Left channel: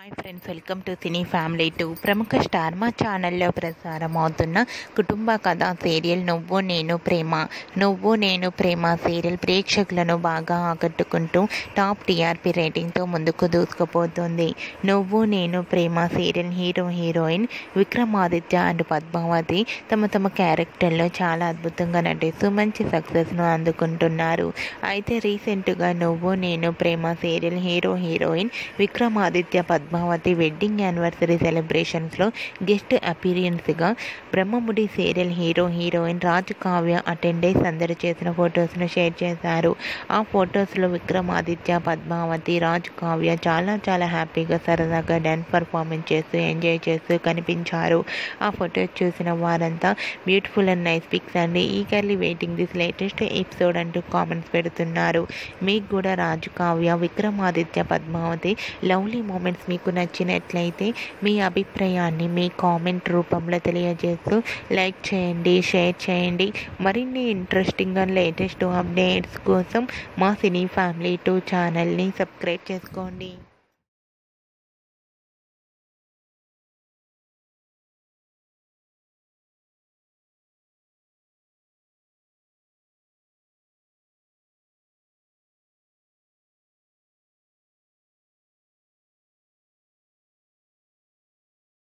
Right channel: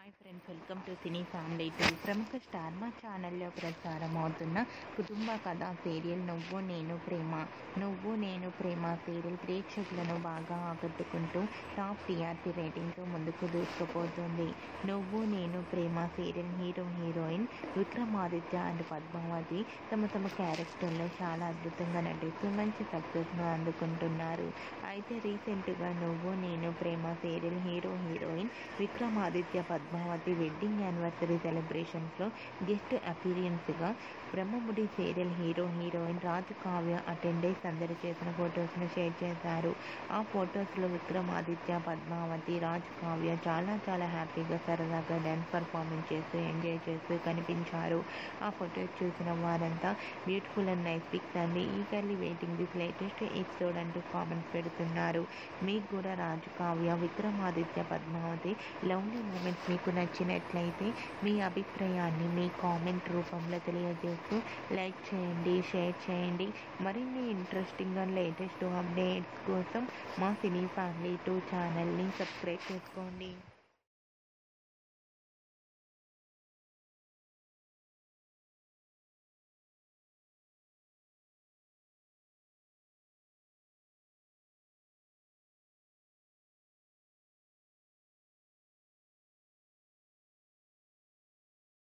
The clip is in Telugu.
Hi friends, welcome to cine family 2. ప్రముఖ స్టార్ మా ఛానల్లో ప్రసారమవుతున్న కుటుంబ కథ సీరియల్ నువ్వు నేను ప్రేమ సీరియల్ ప్రేక్షకులను బాగా ఆకట్టుకుంటూ టాప్ టీఆర్పీ రేటింగ్తో ముందుకు దూసుకుపోతుంది. Nuvvu Nenu Prema serial heroine Vikramaditya and Padmavathi తమ క్యారెక్టర్లో చాలా అద్భుతంగా నటిస్తూ మంచి సక్సెస్ను అందుకుంటున్నారు. అయితే రీసెంట్గా Nuvvu Nenu Prema serial heroine Vikramaditya Padmavathi wedding anniversary సెలబ్రేషన్స్లో గెస్ట్ అపీరియన్స్గా Brahmamudi serial heroine Raj Kavya attend అయి సందడి చేసిన ఫొటోస్ను షేర్ చేశారు. ఆ ఫొటోస్లో విక్రమాదిత్య, పద్మావతి, రాజ్ కావ్య చాలా హ్యాపీగా సరదాగా డ్యాన్స్ పర్ఫార్మెన్స్ చేస్తూ ఎంజాయ్ చేస్తూ కనిపించారు. ఆ ఫొటోస్ చూసిన వారంతా బ్యూటిఫుల్ అండ్ నైస్ పిక్స్ అండి, eagerly waiting this latest episode అంటూ కామెంట్స్ పెడుతున్నారు. మీకు కూడా రాజ్ కావ్య, విక్రమాదిత్య, పద్మావతి లవ్లీ మూమెంట్స్ మీకు నచ్చినట్లయితే మీ అభిప్రాయాన్ని మీ కామెంట్ రూపంలో తెలియజేస్తూ లైక్ చేయండి, షేర్ చేయండి. మరిన్ని ఇంట్రెస్టింగ్ అండ్ లేటెస్ట్ అప్డేట్స్ కోసం మా సినీ ఫ్యామిలీ 2 ఛానల్ని సబ్స్క్రైబ్ చేసుకోండి.